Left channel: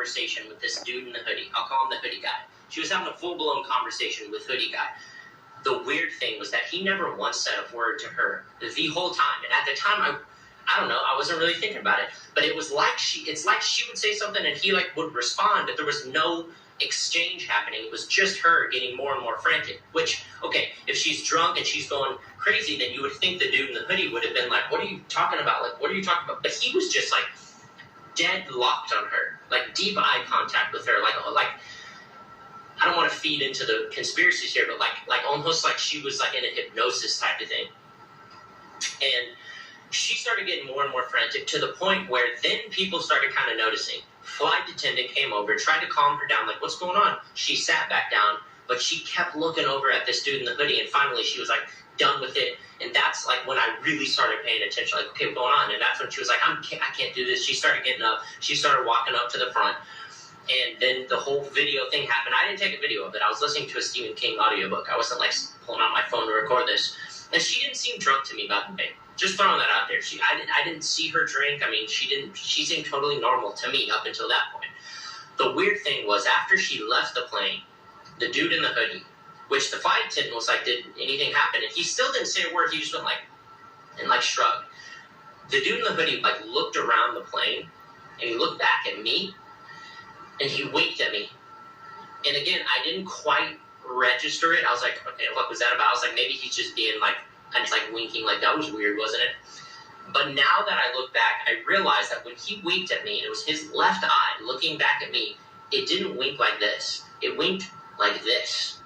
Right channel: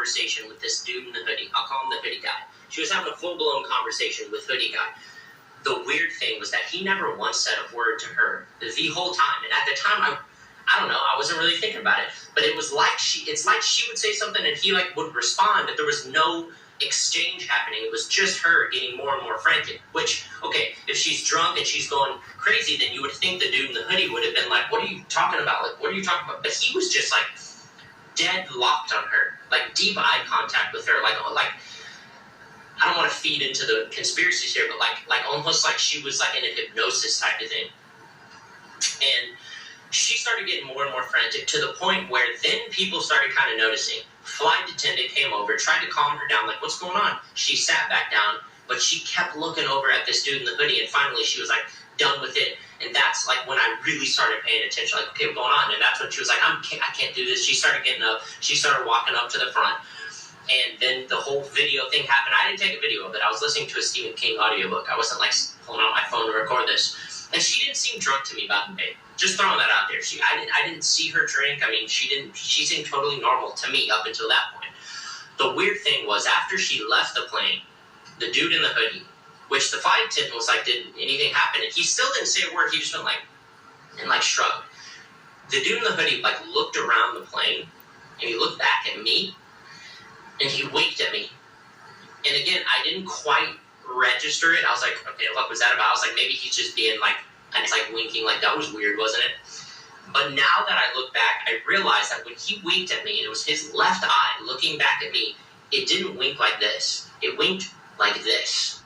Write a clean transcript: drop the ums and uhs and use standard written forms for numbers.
conversation with this dude in the hoodie. I'll call him the hoodie guy. She was having a full-blown conversation with hoodie guy. The weird thing was that he never once said a word to her the whole time. And at the time, I don't know, I wasn't really thinking about it. But it's like she would say something and he like would respond, but there was no exchange happening. It was just her getting more and more frantic. Which, okay, if she's drunk and she's going crazy, then you would think the dude in the hoodie would have been like, what are you talking about? Like, what are you talking about? But he was just like dead locked on her, like deep eye contact with her, like I don't want to feed into the conspiracies here, but like almost like she was like in a hypnosis type of thing. And she started getting more and more frantic to the point where then people started kind of noticing. Flight attendant came over, tried to calm her down, like, what's going on? She sat back down, but she kept looking over at this dude in the hoodie, and finally she was like done with it. And that's like when I really started paying attention, like, okay, what's going on? And that's when she was like, I can't do this. She started getting up. She started walking up to the front. And then the whole video thing happened. I didn't take a video of it. I was listening to a Stephen King audiobook. I wasn't like pulling out my phone to record this. And she didn't seem drunk to me by the way. Just throwing that out there. I didn't see her drink. I mean, she seemed totally normal to me up until that point. The weird thing was after she left the plane, the dude in the hoodie, which the flight attendant was like, did anything happen? And he still didn't say a word. He just went like, and like shrugged. The dude in the hoodie like looked around the plane and he looked back at me and he winked at me. And again, I didn't quite register it. I was like, okay, what was that about? I was like, maybe he's just being like, and it's like winking, like that was weird, wasn't it? But now that I look back, I realized that when he winked at me, and it was his left eye looking back at me, it didn't wink like this. It winked like this.